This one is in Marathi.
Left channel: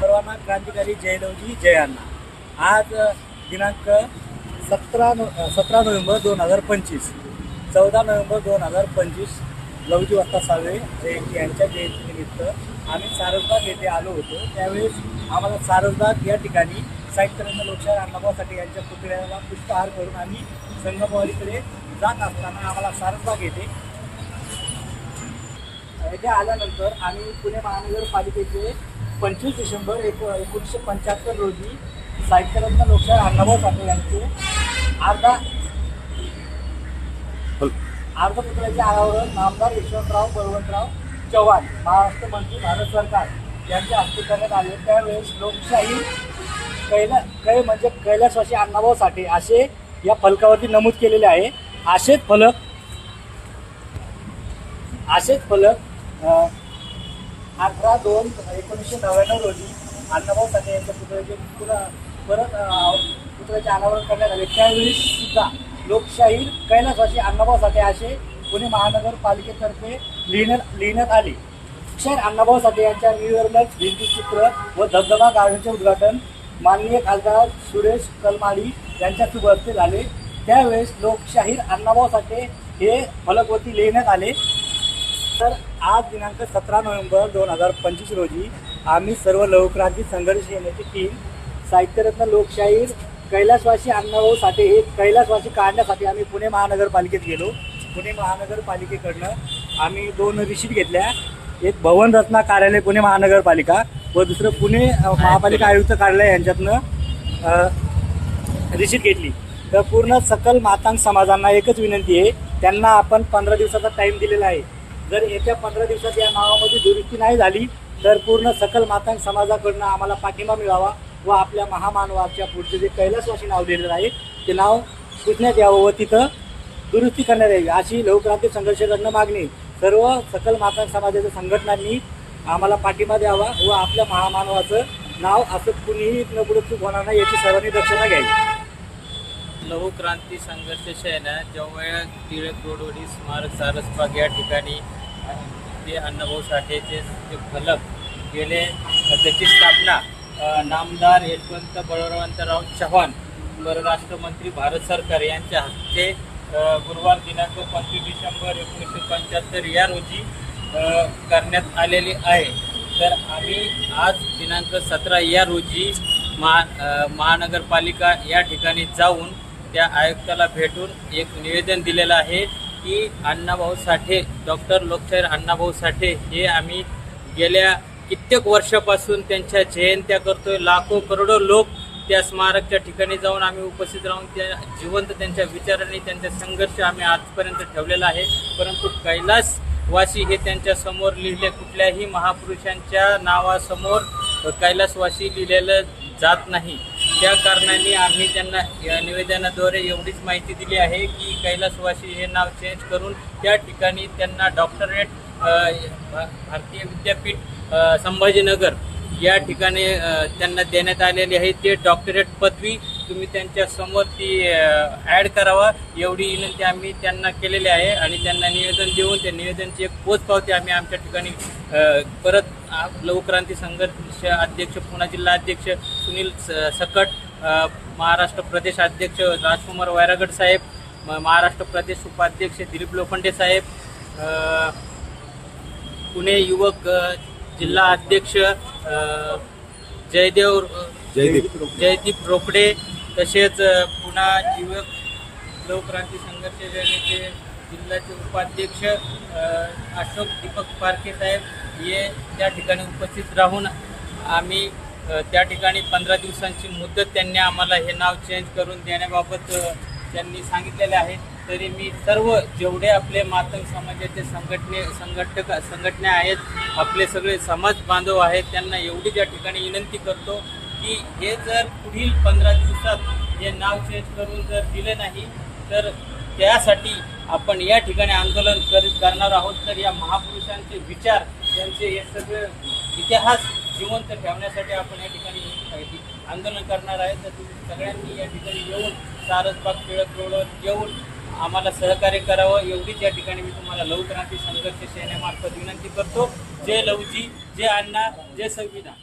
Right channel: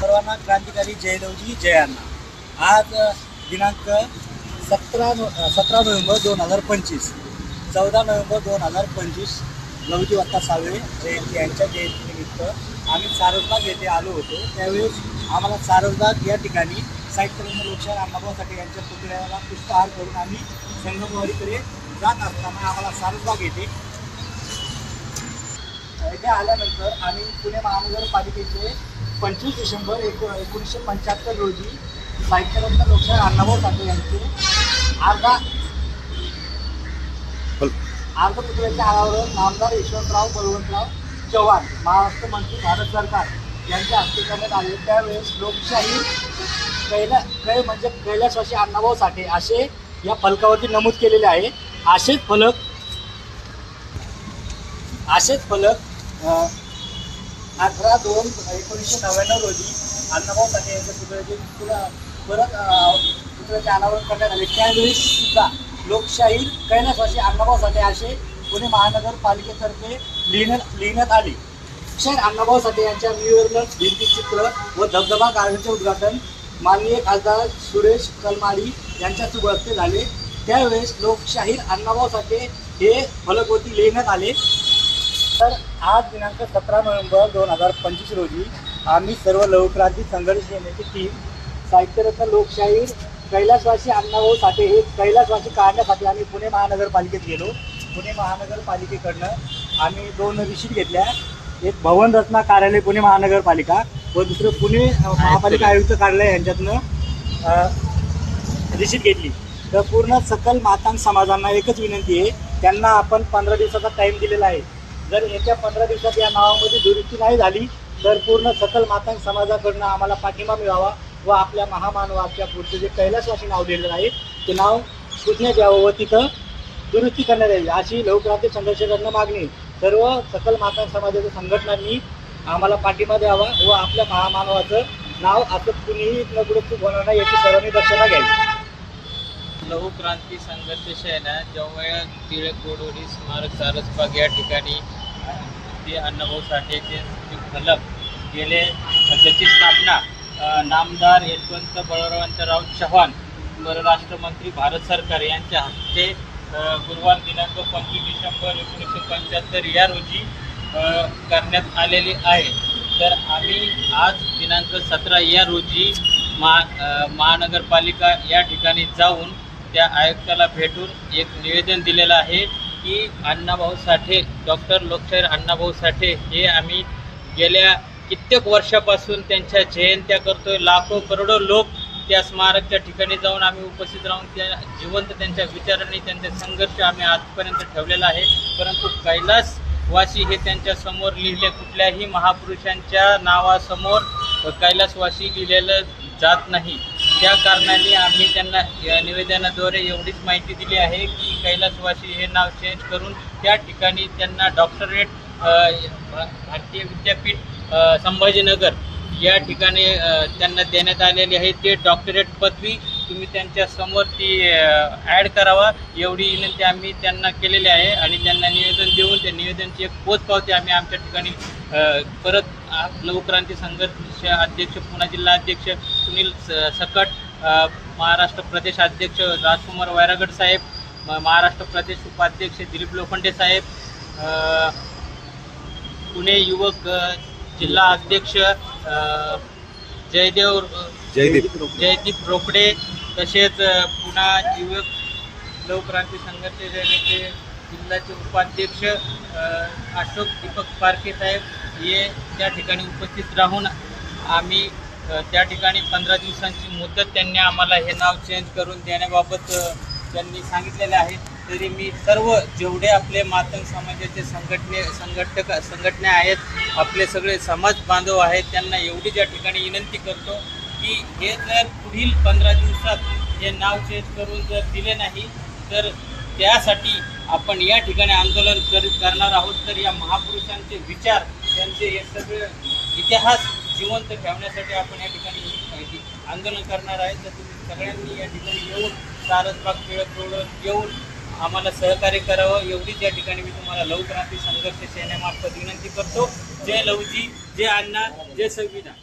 सर्वांना क्रांतिकारी जय लवजी जय अण्णा। आज दिनांक 17 नोव्हेंबर 2025, 14 नोव्हेंबर 2025 लवजी वत्ता साळवे जयंती यांच्या जयंतीनिमित्त आम्ही सारसबाग येथे आलो होतो। त्यावेळेस आम्हाला सारसबाग या ठिकाणी साहित्यरत्न लोकशाहीर अण्णाभाऊ साठे यांच्या पुतळ्याला पुष्पहार करून आम्ही संगमवाडीकडे जात असताना आम्हाला सारसबाग येथे आल्यानंतर आम्ही पुणे महानगरपालिकेचे 25 डिसेंबर 1975 रोजी साहित्यरत्न लोकशाहीर अण्णाभाऊ साठे यांचे पुतळ्याच्या अनावरण नामदार यशवंतराव बळवंतराव चव्हाण महाराष्ट्र मंत्री भारत सरकार यांच्या हस्ते करण्यात आले। त्यावेळेस लोकशाही कैलासवासी अण्णाभाऊ साठे असे या फलकावरती नमूद केलेले आहे। असेच फलक 18/2/1999 रोजी अण्णाभाऊ साठे यांच्या पुतळ्याचे पुतळ्याचे अनावरण करण्यात आले। त्यावेळी सुद्धा लोकशाहीर कैलासवासी अण्णाभाऊ साठे असे पुणे महानगरपालिकेतर्फे लिहिण्यात आले। लोकशाहीर अण्णाभाऊ साठे यांच्या निर्मल भिंतीचित्र व धबधबा गार्डनचे उद्घाटन माननीय खासदार सुरेश कलमाडी यांच्या शुभ हस्ते झाले। त्यावेळेस लोकशाहीर अण्णाभाऊ साठे हे फलकवरती लिहिण्यात आले। तर आज दिनांक 17 नोव्हेंबर 2025 रोजी आम्ही सर्व लवक्रांती संघर्ष सेनेची टीम साहित्यरत्न लोकशाहीर कैलासवासी अण्णाभाऊ साठे हे कैलासवासी काढण्यासाठी आम्ही पुणे महानगरपालिकेत गेलो। पुणे महानगरपालिकेकडनं आम्ही 2 रिसीट घेतल्या, एक भवन रचना कार्यालय पुणे महानगरपालिका व दुसरं पुणे महापालिका आयुक्त कार्यालय यांच्यातनं रिसीट घेतली। तर पूर्ण सकल मातांग समाजांना एकच विनंती आहे, त्यांना आपण 15 दिवसाचा टाईम दिलेला आहे। जर येत्या 15 दिवसात या नावामध्ये दुरुस्ती नाही झाली तर पूर्ण सकल मातांग समाजाकडनं आम्हाला पाठिंबा मिळावा व आपल्या महामानवाच्या पुढचे जे कैलासवासी नाव दिलेलं आहे ते नाव पुसण्यात यावं व तिथं दुरुस्ती करण्यात यावी अशी लवक्रांती संघर्षकडनं मागणी। सर्व सकल मातांग समाजाच्या संघटनांनी आम्हाला पाठिंबा द्यावा व आपल्या महामानवाचं नाव असं कुणीही न पुढे चूक होणार नाही याची सर्वांनी दक्षता घ्यावी। लघुक्रांती संघर्ष सेना जवळ टिळक रोडवरील स्मारक सारसबाग या ठिकाणी ते अण्णाभाऊ साठेचे फलक गेले, त्याची स्थापना नामदार यशवंत बळवंतराव चव्हाण परराष्ट्र मंत्री भारत सरकार यांच्या हस्ते गुरुवार दिनांक 25 डिसेंबर 1975 या रोजी करण्यात आलेली आहे। तर आम्ही आज दिनांक 17 या रोजी महानगरपालिका या ठिकाणी जाऊन त्या आयुक्ताला भेटून एक निवेदन दिलेलं आहे की अण्णाभाऊ साठे, डॉक्टर लोकशाहीर अण्णाभाऊ साठे हे आम्ही गेल्या कित्येक वर्षापासून त्यांच्या जयंत्या करतोय। लाखो करोडो लोक त्या स्मारकच्या ठिकाणी जाऊन आम्ही उपस्थित राहून त्या जिवंत त्यांच्या विचारांनी त्यांचा संघर्ष आम्ही आजपर्यंत ठेवलेला आहे। परंतु कैलासवासी हे त्यांच्या समोर लिहिले, कुठल्याही महापुरुषांच्या नावासमोर कैलासवासी लिहिलेलं जात नाही। त्या कारणाने आम्ही त्यांना या निवेदनाद्वारे एवढीच माहिती दिली आहे की कैलासवासी हे नाव चेंज करून त्या ठिकाणी त्यांना डॉक्टरेट भारतीय विद्यापीठ संभाजीनगर या ठिकाणी त्यांना देण्यात आलेली आहे। ते डॉक्टरेट पदवी तुम्ही त्यांच्या समोर ती ॲड करावा एवढी विनंती आम्ही त्यांना केलेली आहे आणि त्यांना निवेदन देऊन त्या निवेदनची एक पोचपावती आम्ही आमच्या ठिकाणी परत लघुक्रांती संघर्ष अध्यक्ष पुणे जिल्हा अध्यक्ष सुनील सकट, महाराष्ट्र प्रदेश अध्यक्ष राजकुमार वैरागड साहेब, महाराष्ट्र प्रदेश उपाध्यक्ष दिलीप लोखंडे साहेब, पुणे युवक जिल्हा अध्यक्ष जयदीप रोकडे, तसेच पुणे युवक लघुक्रांती संघर्ष सेनेचे जिल्ह्याचे उपाध्यक्ष अशोक दीपक पारखे साहेब हे त्या ठिकाणी उपस्थित राहून आम्ही त्या ठिकाणी 15 दिवसांची मुदत त्यांनी आम्हाला हे नाव चेंज करून देण्याबाबत त्यांनी सांगितलेले आहे। तरी मी सर्व जेवढे आपले मातंग समाजाचे संघटना आहेत, आपले सगळे समाज बांधव आहेत, त्यांना एवढी या ठिकाणी विनंती करतो की हे जर पुढील 15 दिवसात हे नाव चेंज करून जर दिले नाही तर त्यासाठी आपण या ठिकाणी आंदोलन करणार आहोत। तर या महापुरुषांचे विचार, त्यांचे हे सगळे इतिहास जिवंत ठेवण्यासाठी आपण या ठिकाणी आंदोलन करणार आहे। तर तुम्ही सगळ्यांनी या ठिकाणी येऊन सारसबाग टिळक रोडवर येऊन आम्हाला सहकार्य करावं एवढीच या ठिकाणी मी तुम्हाला लघुक्रांती संघर्ष सेनेमार्फत विनंती करतो। जय लवजी, जय अण्णा, जय संविधान।